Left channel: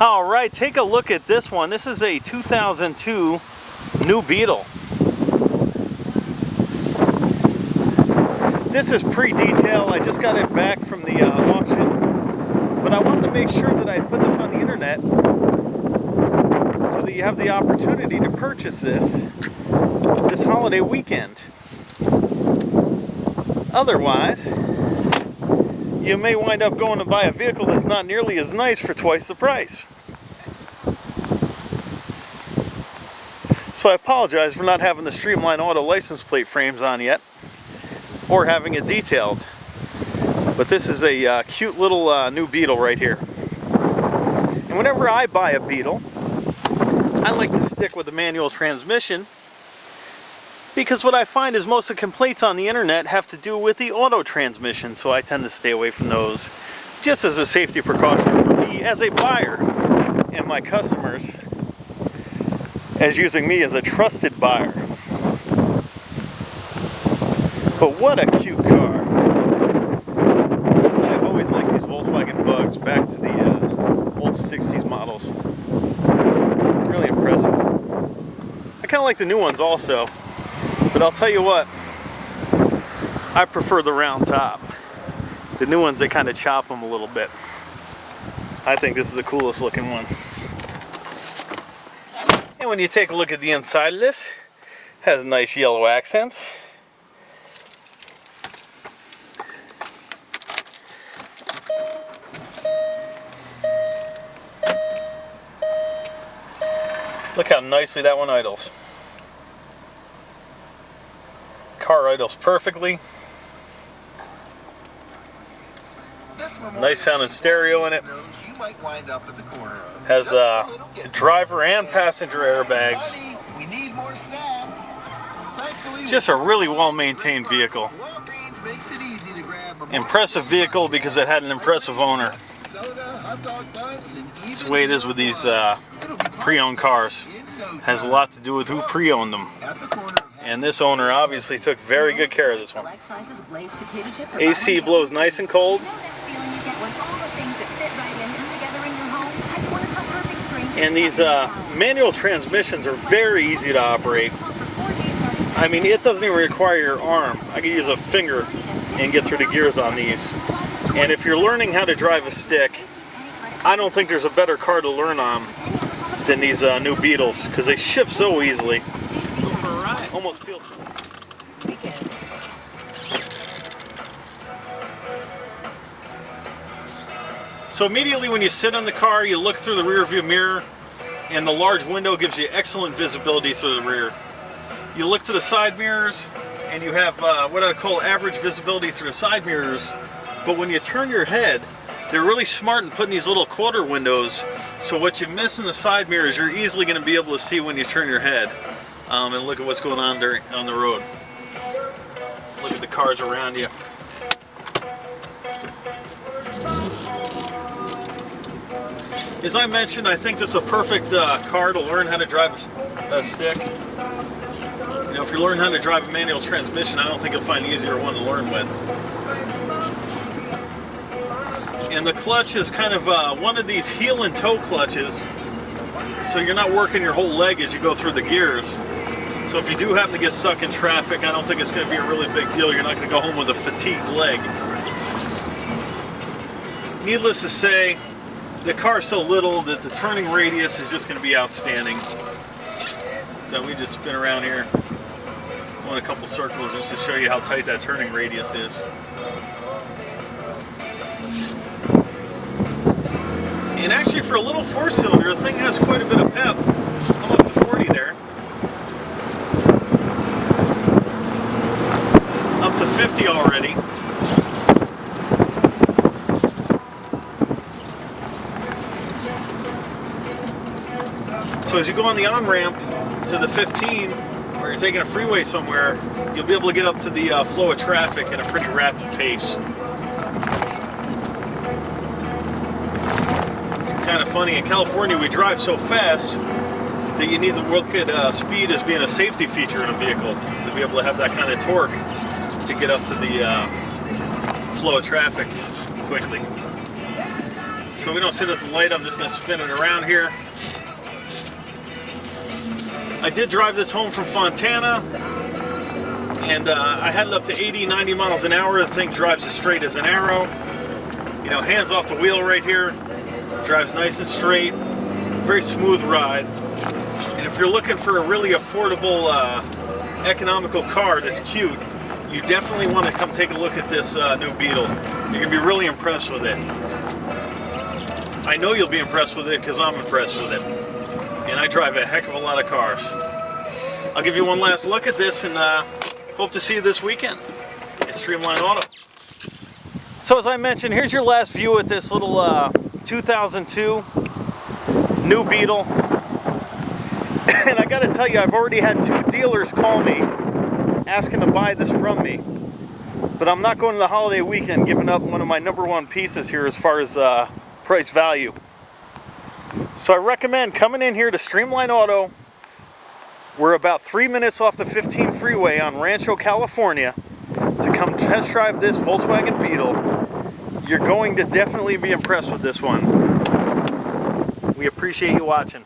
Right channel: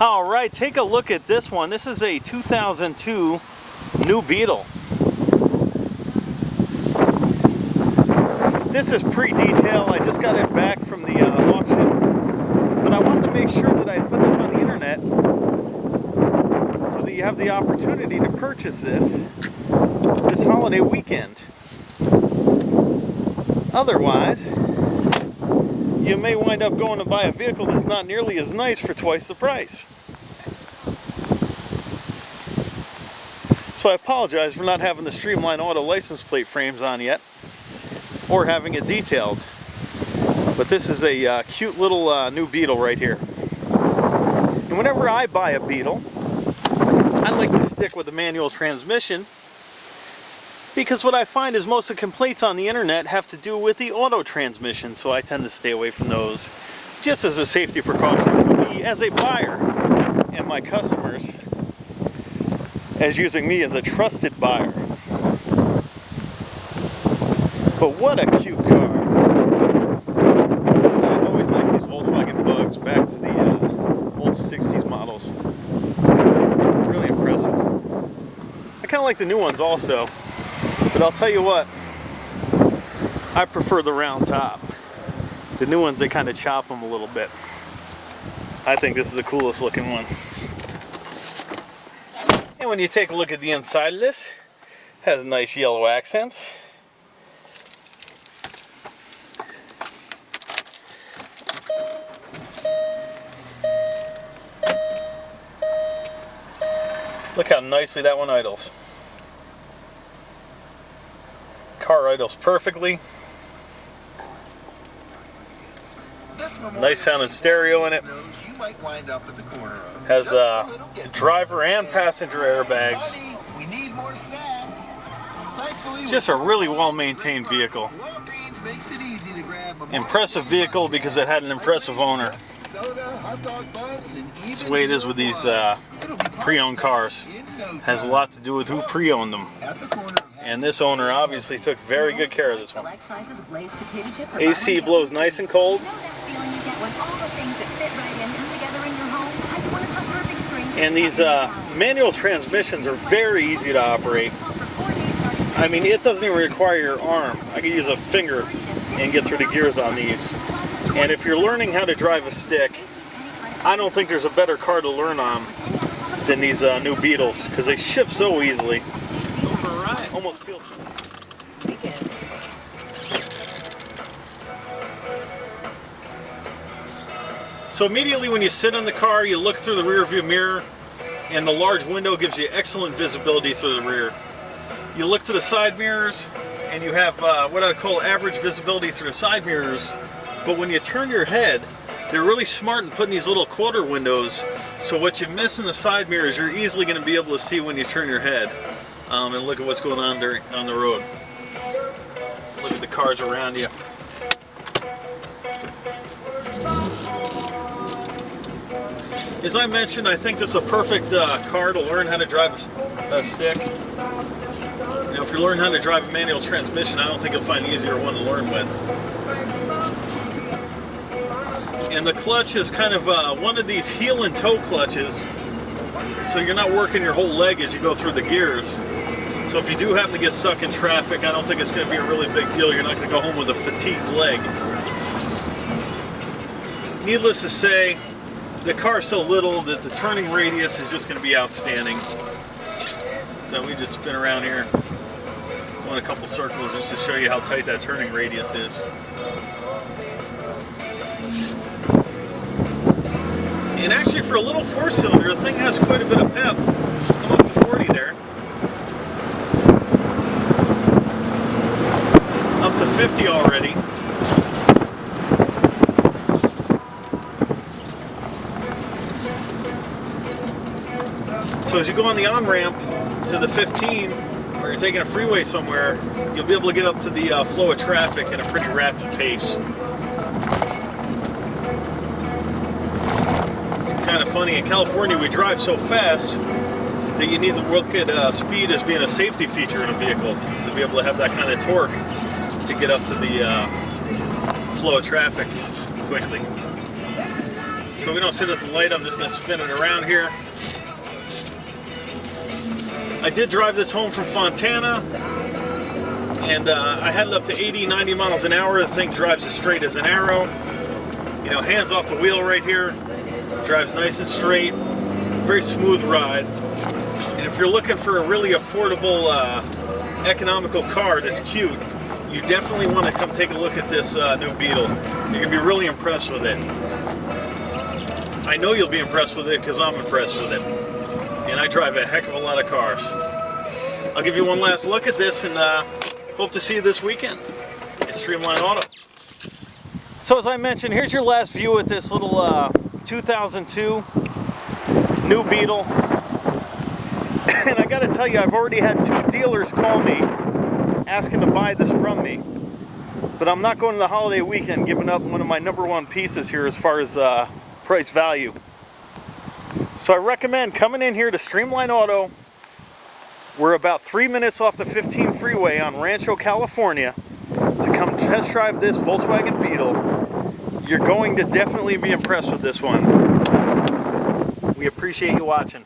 All right, take a look at this one. This is a 2002 New Beetle. This is pre-detail. I just got it back from the auction, but I wanted to make sure that I put this on the internet so that you have the opportunity to purchase this holiday weekend. Otherwise, you may wind up going to buy a vehicle that's not nearly as nice for twice the price. So I apologize for not having the Streamline Auto license plate frames on yet, or having it detailed. But this is a cute little new Beetle right here. And whenever I buy a Beetle, I like to stick with the manual transmission, because what I find is most of the complaints on the internet have to do with the auto transmission, so I tend to stay away from those, just as a safety precaution for me as a buyer, and my customers as using me as a trusted buyer. But what a cute car. I have always liked these Volkswagen Bugs back to the old 60s models. Really impressive. I kind of like the new ones also. But I'll tell you what, I prefer the round top. The new ones, they kind of chop them a little bit. I think this is the coolest looking one. And when you take a look at the inside of this, it has nice yellow accents. Look how nicely that one idles. Car idles perfectly. Nice sounding stereo in it. Has driver and passenger airbags. Just a really well maintained vehicle. Impressive vehicle because it had an impressive owner. That's the way it is with these pre-owned cars. Has a lot to do with who pre-owned them. And this owner obviously took very good care of this one. AC blows nice and cold. And these manual transmissions are very easy to operate. I mean, it doesn't even require your arm. I can use a finger and get through the gears on these. And if you're learning how to drive a stick, I don't think there's a better car to learn on than these new Beetles, because they shift so easily. Almost feels. So immediately when you sit in the car, you look through the rear view mirror, and the large window gives you excellent visibility through the rear. You look to the side mirrors, and you have what I call average visibility through the side mirrors. But when you turn your head, they're really smart in putting these little quarter windows, so what you miss in the side mirrors, you're easily going to be able to see when you turn your head. And look at what's going on on the road. Look at the cars around you. As I mentioned, I think this is a perfect car to learn how to drive a stick. You know, if you're learning how to drive a manual transmission, I don't think you'll find an easier one to learn with. And the clutch is kind of one of these heel and toe clutches, so you're not working your whole leg as you go through the gears. So if you do happen to get stuck in traffic, I don't think it's going to be a really big deal. You're not going to go home with a fatigued leg. Needless to say, the car's so little that the turning radius is just going to be outstanding. So we just spin around here, going a couple circles just to show you how tight that turning radius is. And actually, for a little four-cylinder, the thing has quite a bit of pep. I'm up to 40 there. Up to 50 already. So as you go on the on-ramp to the 15, or you're taking a freeway somewhere, you'll be able to get up to the flow of traffic at a pretty rapid pace. It's kind of funny, in California we drive so fast that you need to look at speed as being a safety feature in a vehicle, to be able to have that kind of torque to get up to the flow of traffic quickly. So we don't sit at the light, I'm just going to spin it around here. I did drive this home from Fontana, and I had it up to 80, 90 miles an hour. The thing drives as straight as an arrow. You know, hands off the wheel right here. Drives nice and straight. Very smooth ride. And if you're looking for a really affordable, economical car that's cute, you definitely want to come take a look at this new Beetle. You're going to be really impressed with it. I know you'll be impressed with it because I'm impressed with it. And I drive a heck of a lot of cars. I'll give you one last look at this, and hope to see you this weekend at Streamline Auto. So as I mentioned, here's your last view at this little 2002 New Beetle. And I gotta tell you, I've already had 2 dealers call me asking to buy this from me. But I'm not going to the holiday weekend giving up one of my #1 pieces here as far as price value. So I recommend coming in here to Streamline Auto. We're about 3 minutes off the 15 freeway on Rancho, California, to come test drive this Volkswagen Beetle. You're going to definitely be impressed with this one. We appreciate you watching.